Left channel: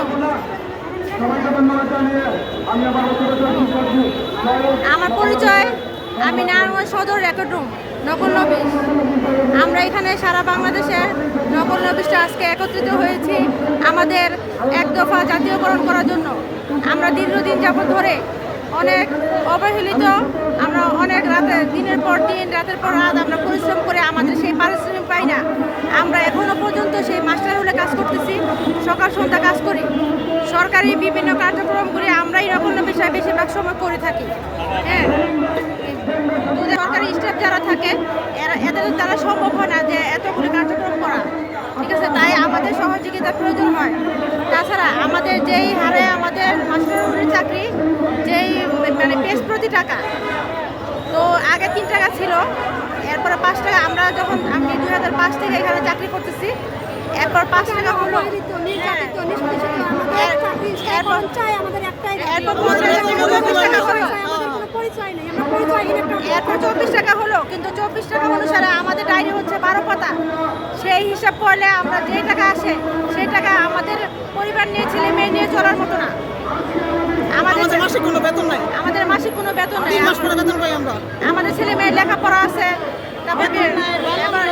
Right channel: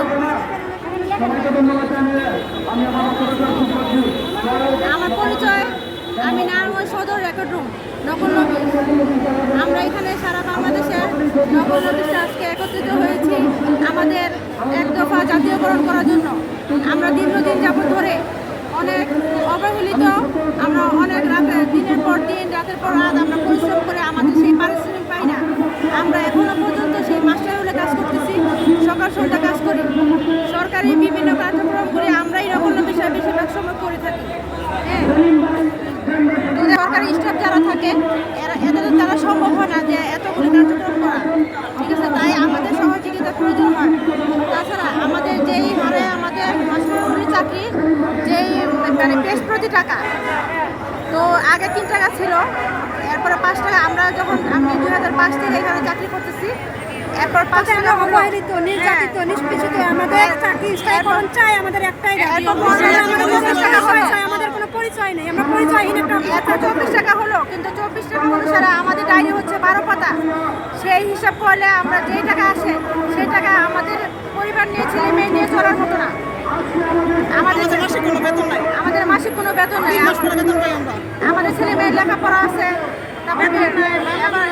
আলাইকুম। আমার পরিচয়, আমি নারায়ণগঞ্জ সদর রেকর্ড রুম নকল নবী। আমরা এখানে সারা বাংলাদেশের নকল নবিশটা আজকে একত্রিত হয়েছি আমাদের এক দফা জাতীয়করণ করার জন্য। আমরা দীর্ঘদিন যাবৎ ধরে অনেক অবহেলিত, আমরা অনেক রাতে দিনের পর দিন রাতের পর রাত আমরা পরিশ্রম করে আমাদের সেই পারিশ্রমিক পাই না। আমরা এখনো পর্যন্ত সেই মাস্টার হলে কাজ করতেছি, সকাল সন্ধ্যা কাজ করি, সরকারি বিভিন্ন কার্যক্রম করে আমরাই নকল বিষয় বেশিরভাগ সময় করে থাকি। হ্যাঁ, সরকারি স্টাফ যারা থাকে এদের দ্বারা সম্ভব হয় না যে এতগুলি কার্যক্রম করা, ঠিক আছে? তাই আমাদের সহযোগিতার প্রয়োজন হয়। তাছাড়া আমাদের যেই হারে আমাদের মাস্টারের চাকরি, যেই মানে পেশ প্রতি টাকা, তো আগে 3 টাকা ছিল, এরপরে 5 টাকা। আমরা যখন আমি 2005 থেকে এখানে চাকরি করতেছি, এরপর 5 টাকা হলো। নিষ্পেষিত আমাদের চাকরি স্থায়ীকরণ চাই, আমাদের একটাই এরপর 24 টাকা হলো, আমাদের কোনো পরিচয় নেই, আমরা পরিচয়হীন একটা এরপর 24 টাকা হলো। কিন্তু 24 টাকা অনুসারে আমাদের ডায়েরি হচ্ছে 12 পাতা। সেই হিসাব করলে আমরা যেই টাকা আসে সেই টাকা আমাদের পরিবার নিয়ে, ছেলে মেয়ে নিয়ে চলার মতো না। আমাদের মাসিক কোনো বেতন নাই। আমাদের মাসিক কোনো বেতন নেই। মাস পরে বেতন পাই আমরা। আমাদের ছেলে মেয়ের লেখাপড়া আছে, তারপরে এবার